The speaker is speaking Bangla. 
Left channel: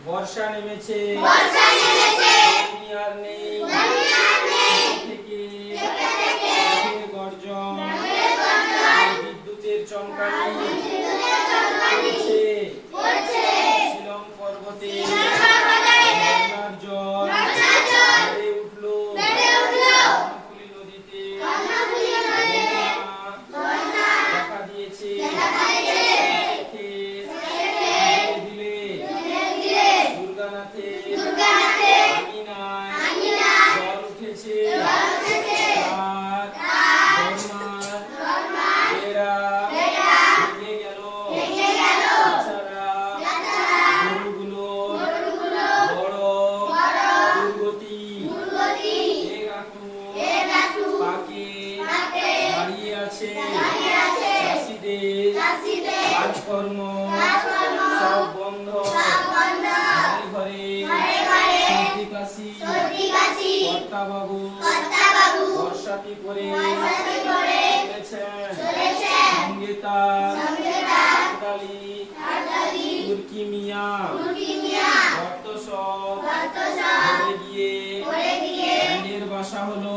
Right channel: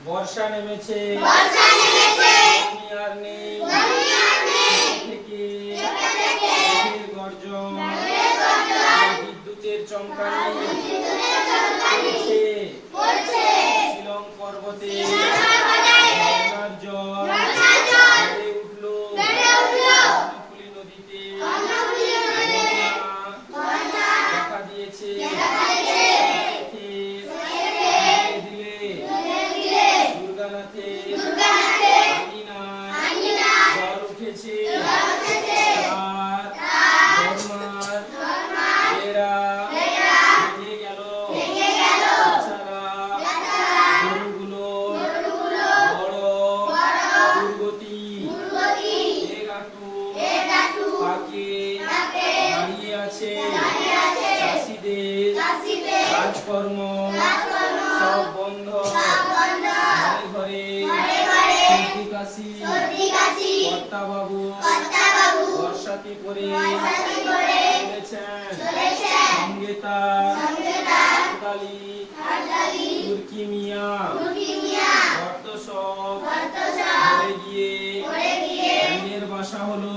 বর্ষা নেমেছে বৃষ্টি আর নেই থেকে মেঘের গর্জন আর বিদ্যুতের চমকানি পড়ছে শিলং পর্বতে ঝর্ণার জল বেড়ে উঠল কর্ণফুলী নদীতে বন্যা দেখা দিয়েছে জল উঠেছে ভেঙে গেল গরুগুলো বড় দুর্গতি পাকে দাঁড়িয়ে আছে চাষিদের কাজকর্ম সব বন্ধ ঘরে সর্দি কাশি কর্তাবাবু বর্ষাতি করে চলেছেন সঙ্গে তার তুর্কি মিয়া ভর্ত সব ঘরে গিয়ে বাসা হলো